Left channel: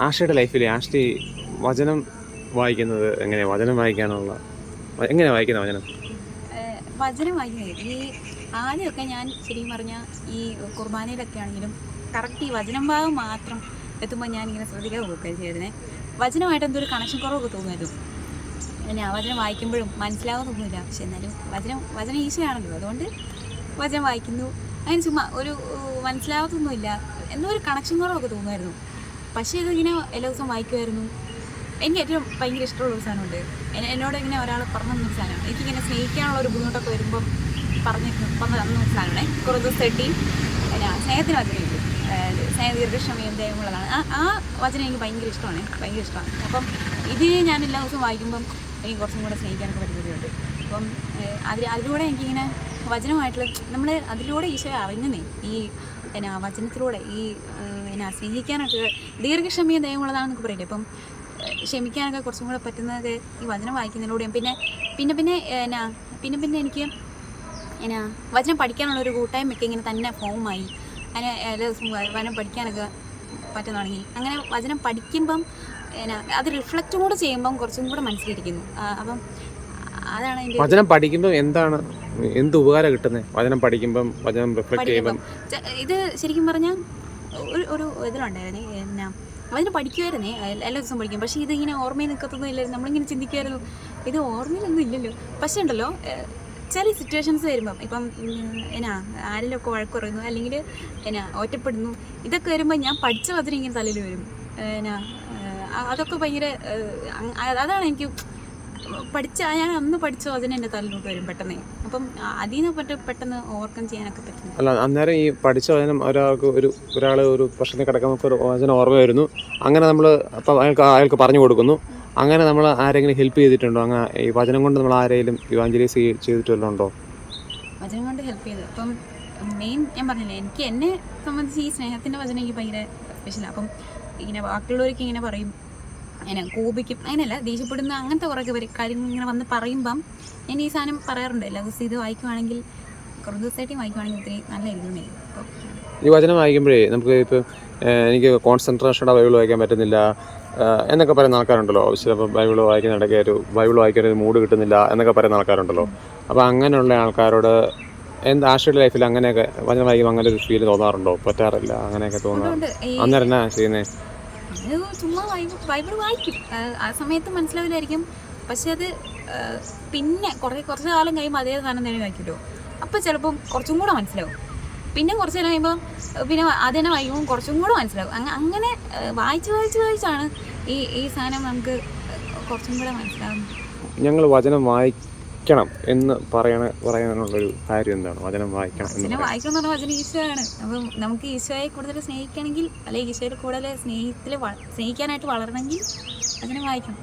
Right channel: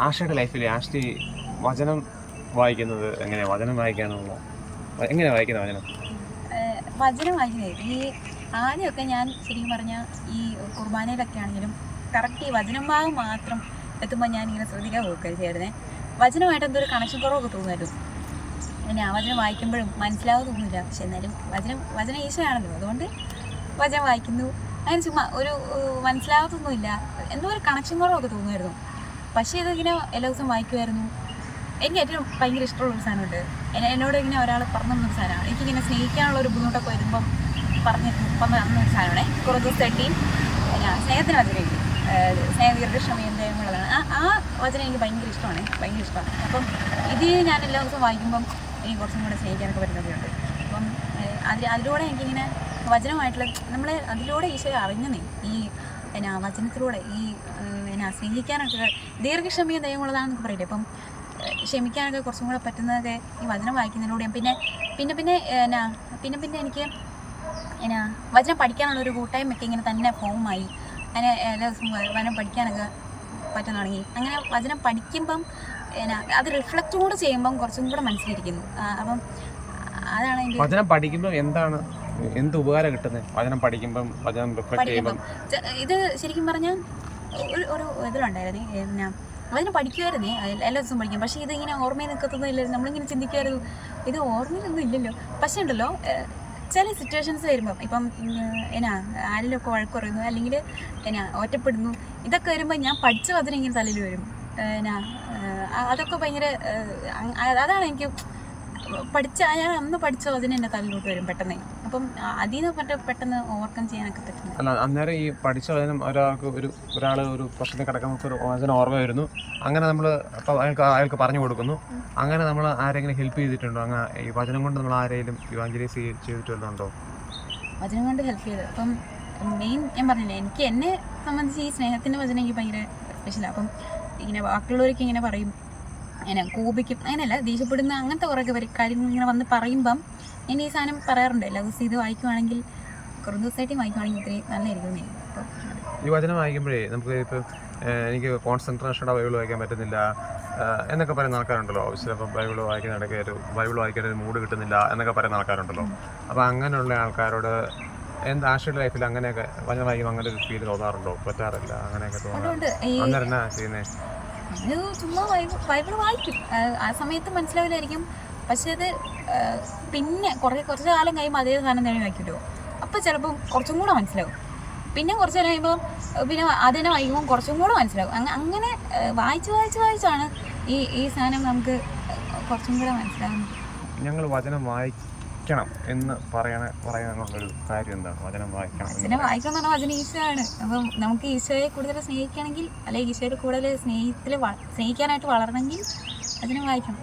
ആഷയുടെ ലൈഫിൽ ആഷ്ടി വചനം വായിക്കുന്നത് എങ്ങനെയാണ് വചനം വായിക്കാനുള്ള എങ്ങനെയാണ് വായിക്കുന്നത് വചനം? വചനം വായിക്കുന്നത്. ഈ ആദ്യമൊക്കെ ഞാൻ ശരിക്കും പറഞ്ഞാൽ ഈ കുർബാനയിലൊക്കെ ആണെങ്കിലും കറക്റ്റ് ഈ വചനം ഭാഗം മാത്രം എത്തുമ്പോൾ ഞാൻ ഇങ്ങനെ ശ്രദ്ധിക്കാൻ പോകുകയും ചെയ്യായിരുന്നേ വചനമായിട്ട് എന്തോ ഒരു കണക്ഷൻ കുറവൊക്കെ തോന്നുമായിരുന്നു. പിന്നെ ആ വചനം വായിക്കുമ്പോഴും മനസ്സിലാവുന്നൊന്നുമില്ല പക്ഷെ എന്നാലും വചനം വചനം ഈശോയാണല്ലോ. അതുകൊണ്ട് വചനം വായിക്കുന്നു. അങ്ങനെ ചുമ്മാ ഒരു മനസ്സിലാവത്തൊന്നുമില്ല. എന്തോ ഒരു കണക്ഷൻ കുറവൊക്കെ തോന്നുമായിരുന്നു. പക്ഷേ ഇതിങ്ങനെ എല്ലാ ദിവസവും വായിക്കുമായിരുന്നു. എനിക്ക് ഏറ്റവും ഭയങ്കര ഇഷ്ടമുള്ള ഒരു സാധനമുണ്ട്. എന്നോട് ഇങ്ങനെ ഒരാൾ പറഞ്ഞു തന്നൊരു സാധനമാണ്. എനിക്കിങ്ങനെ സ്നേഹിക്കാനുള്ള ഒരു ബുദ്ധിമുട്ടൊക്കെ വരുമ്പം പറഞ്ഞ് പറഞ്ഞു തന്ന ഒരു സാധനമാണേ. കുറേ ദിവസം തട്ടി ഞാൻ സ്നേഹത്തിന് വചനമില്ല സ്നേഹ ദീർഘക്ഷമയും ദേഹമുള്ളതാണ് ആ ആ വചനം എനിക്ക് ഭയങ്കര ഇഷ്ടമാണ്. ഭയങ്കര ഇഷ്ടമാണ്. അപ്പം ഇത് ഞാൻ എല്ലാ ദിവസവും വായിക്കുമ്പം എനിക്ക് കുറച്ചും കൂടെ സ്നേഹിക്കാനൊക്കെ പറ്റുന്നതുണ്ട് അപ്പം അതിൽ അതിലൂടെ എനിക്കിങ്ങനെ വചനമായിട്ടുള്ള നമ്മൾ അതിലൂടെ ഈശോയെ നീ ഈ എന്നാ വചനത്തിലൂടെ ഈ എന്നാ സ്നേഹിക്കാനൊക്കെ ദീർഘക്ഷമയും ദയമുള്ളതാണെന്നൊക്കെ പറയില്ലേ? അപ്പം ക്ഷമിക്കാനൊക്കെ കുറച്ചും കൂടെ പറ്റുന്നത് ഈ വചനം വായിക്കുന്നതിലൂടെയും. പിന്നെ പിന്നെ പിന്നെ എന്നാ പിന്നെ പിന്നെ എനിക്ക് എന്നാ വചനം പഠിക്കാനുള്ള ഒരു കൂട്ടായ്മയൊക്കെ ഇങ്ങനെ തന്നെ ഫോമായി ദിവസവും വചനം പഠിക്കാനൊക്കെ പറ്റാൻ തുടങ്ങി. അങ്ങനെ വചനം പഠിക്കുമ്പം എന്നാ അത് റിഫ്ലക്റ്റ് കൂടെ ചെയ്യുമ്പം കുറച്ചും കൂടെ മനസ്സിലിരിക്കുന്നു. അപ്പം അതാണ് വചനം പഠിക്കുമ്പോൾ എന്താണ് എന്ത് ഉപകാരം കിട്ടുന്നത് വചനം പഠിക്കുമ്പം വചനം റിഫ്ലക്ട് ചെയ്യുമ്പം. ച- ഇത് ശരിക്കും പറഞ്ഞാൽ ഒരു ഒരു ഇതിലുണ്ടായിരുന്നു എന്നാ അതിന് പഠിക്കുമായിരുന്നേ എല്ലാ എല്ലാ ദിവസവും പഠിക്കും. പക്ഷേ ഇതിങ്ങനെ ഓർമ്മയിൽ നിൽക്കത്തൊന്നും ഇല്ലായിരുന്നു. നമ്മളിങ്ങനെ ചിന്തിക്കുമായിരുന്നു ഇത് ഓർമ്മയിലൊന്നും ഇല്ലല്ലോ. പക്ഷേ ഉണ്ടല്ലോ ഏഹ്, ചില സിറ്റുവേഷൻസ് വരുമ്പം ഇപ്പം ഉം, എന്നാ ആരെങ്കിലും ഒക്കെ വഴക്ക് പറയുന്നു അല്ലെങ്കിൽ എന്നാ ഒറ്റപ്പെടുന്നു ഇതൊക്കെ വരുമ്പോൾ ഞാൻ പഠിച്ച വചനം ഇങ്ങനെ തലയിൽ വരും. എന്നാ ഏഹ്, അ- അതൊക്കെ ഭയങ്കര ഏഹ്, അങ്- അതാണ് എനിക്ക് പഠിച്ച ഞാൻ അന്ന് പഠിച്ച വചനം എന്റെ തലയിലോട്ട് വരും പെട്ടെന്ന്. അപ്പം അതിൽ നിന്ന് പറ്റ പെട്ടെന്ന് ഓവർകം ചെയ്യാനൊക്കെ പറ്റും അല്ല അന്നേരം ഈ പഠിച്ച വചനം ഒരാൾക്ക് ഒരു ഒരാൾ ഒരു പ്രശ്നത്തിൽ കിടക്കുമ്പോൾ ഒരു വചനം ഓർമ്മ വരുന്നു. അങ്ങനെ നമ്മൾ അപ്പം അയാൾക്ക് അയാൾക്ക് പറഞ്ഞു കൊടുക്കുന്നു. അങ്ങനെ നമ്മൾ ആരെങ്കിലും ഹെൽപ്പ് ചെയ്തിട്ടുണ്ടോ? അങ്ങനെ ഈ വചനം കൊണ്ട് നമ്മൾ ആരെങ്കിലും ഇവാഞ്ചലൈസ് ചെയ്തിട്ട് വല്ലതും ഉണ്ടോ? വചനം കൊണ്ട് ഹെൽപ്പ് ചെയ്ത്. അപ്പം മെയിൻ ഞാൻ പറഞ്ഞില്ലേ എനിക്ക് എന്നെ സംബന്ധിച്ച് ഈ സ്നേഹത്തിന്റെ വചനം എനിക്ക് ഭയങ്കര സ്പെഷ്യലാണ് അപ്പം ഇങ്ങനെ ബാക്കിയുള്ളവർക്ക് ഇങ്ങനെ പറയും അങ്ങനെ കോപിക്കും അങ്ങനെയല്ല ദേഷ്യപ്പെടുന്ന അങ്ങനത്തെ കുറേ പേര് കാര്യങ്ങൾ ഇങ്ങനെ വന്ന് പറയുമ്പം ഞാൻ ഈ സാധനം പറയാറുണ്ട് എല്ലാ ദിവസവും ഇത് വായിക്കുവാണെങ്കിൽ കുറേ ദിവസമായിട്ട് വായിക്കുവാണെങ്കിൽ ഇത്രയും നല്ലതായിരിക്കും ഈ വചനം വായിക്കുമ്പോഴേ നമുക്ക് ഇപ്പോൾ എനിക്ക് കോൺസെൻട്രേഷനോടെ ബൈബിൾ വായിക്കാൻ പറ്റുന്നില്ല എന്നൊക്കെ പറയുന്ന ആൾക്കാരുണ്ടല്ലോ. ചിലപ്പോൾ ബൈബിൾ വായിക്കുന്ന ഇടയ്ക്ക് ഒരു ബൈബിൾ വായിക്കാൻ ഒരു മൂഡ് കിട്ടുന്നില്ല എന്നൊക്കെ പറയുന്ന ആൾക്കാരുണ്ടല്ലോ. അപ്പോൾ അങ്ങനെയുള്ള ആൾക്കാരോട് എന്ത് ആശയുടെ ലൈഫിൽ അങ്ങനെയൊക്കെ വചനം വായിക്കുമ്പോൾ അങ്ങനെ ഒരു ഫീൽ തോന്നാറുണ്ടോ? പറ്റാറില്ല അങ്ങനെയൊക്കെ തോന്നാറുണ്ട് ഈ അന്നേരം എന്നാ ചെയ്യുന്നത് അത് ചുമ്മാ ബൈബിൾ ബൈബിൾ വായിക്കും. ആ, സമയത്ത് മനസ്സിലാവില്ലായിരിക്കും. പക്ഷെ അത് പിന്നെ കുറേ കുറച്ച് കാലം കഴിയുമ്പോൾ അതേ സാധനം തന്നെ വായിക്കുമല്ലോ അപ്പോൾ ചിലപ്പം കുറച്ചും കൂടെ മനസ്സിലാവും. പിന്നെ കുറച്ച് നേരം കഴിയുമ്പോൾ പിന്നെ അതിനെ വായിക്കുമ്പോൾ കുറച്ചും കൂടെ മനസ്സിലാവും. അങ്ങനെ വായിച്ച് വായിച്ച് വായിച്ചാണ് ഈ ഈ സാധനം നമുക്ക് കുറച്ചും കൂടെ മനസ്സിലാവുന്നത്. ഞങ്ങൾ വചനം വായിക്കണം എന്ന് പറയണ പറയാനുള്ളൊരു കാര്യം എന്താണ്? വചനം വായിക്കണം എന്ന് വചനം വായിക്കണം എന്ന് പറഞ്ഞാൽ വചനം ഈശോയാണ്. അപ്പം നമുക്ക് ഈശോയെ കൂടുതൽ സ്നേഹിക്കണമെങ്കിൽ അല്ലെങ്കിൽ ഈശോയുടെ കൂടുതൽ സ്നേഹത്തിൽ സ്നേഹിക്കാനായിട്ട് വളരണമെങ്കിൽ വചനം വായിക്കണം.